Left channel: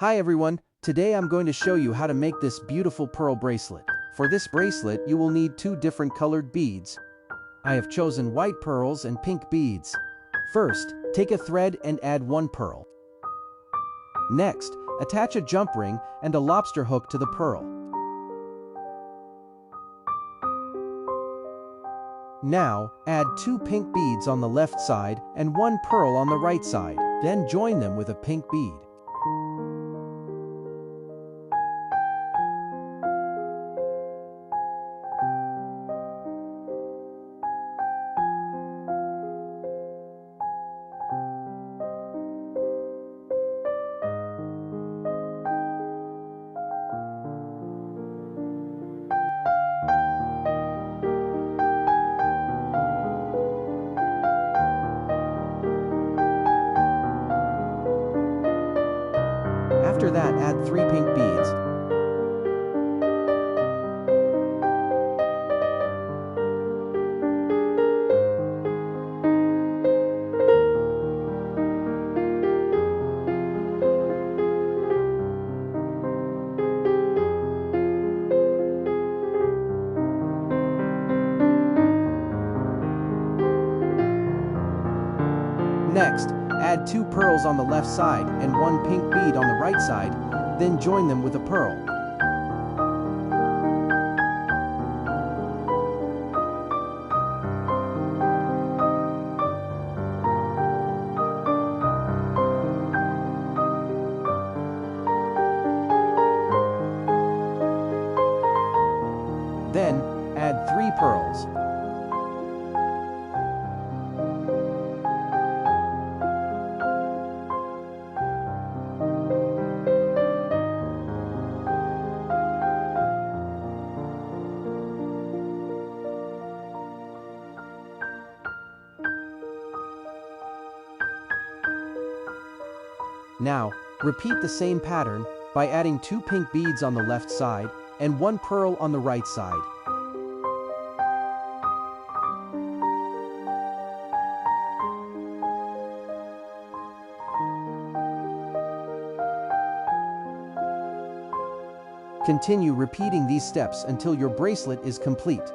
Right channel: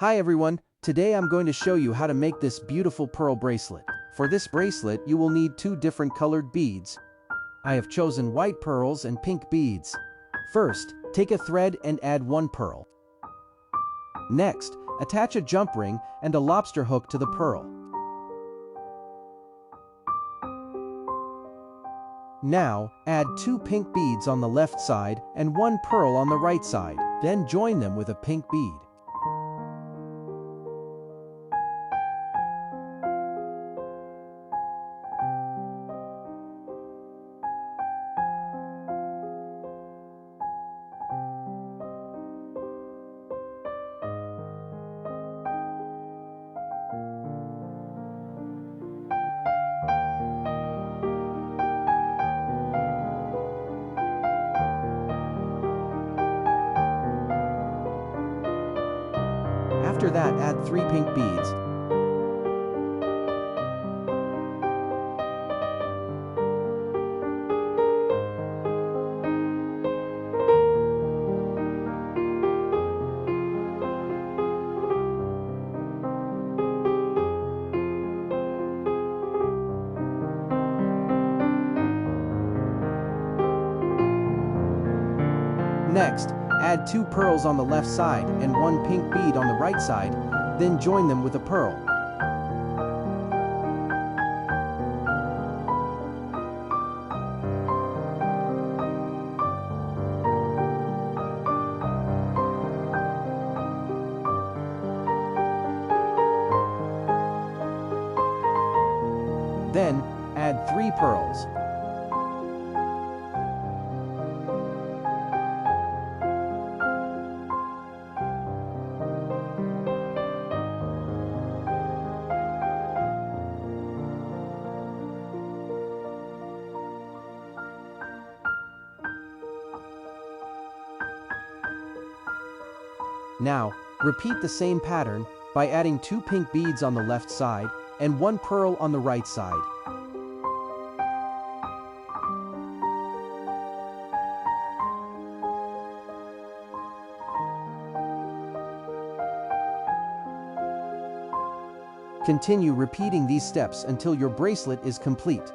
Hi everyone, today I'm going to show you how to make this beautiful pearl bracelet. For this bracelet you will need two different colored beads. I have chosen white pearls and pink beads. First, take a thread and add one pearl. Next, attach a jump ring and a lobster hook to the pearl. Now, add two pink beads on the left side and one pearl on the right side, then join them with a pink bead. After that, add three pink beads. Next, add two pearls on the left side and one pink bead on the right side, then join them with a pearl. Then, add three pearls. Now, repeat the same pattern by adding two pink beads on the left side and one pearl on the right side. Continue repeating these steps until your bracelet is complete.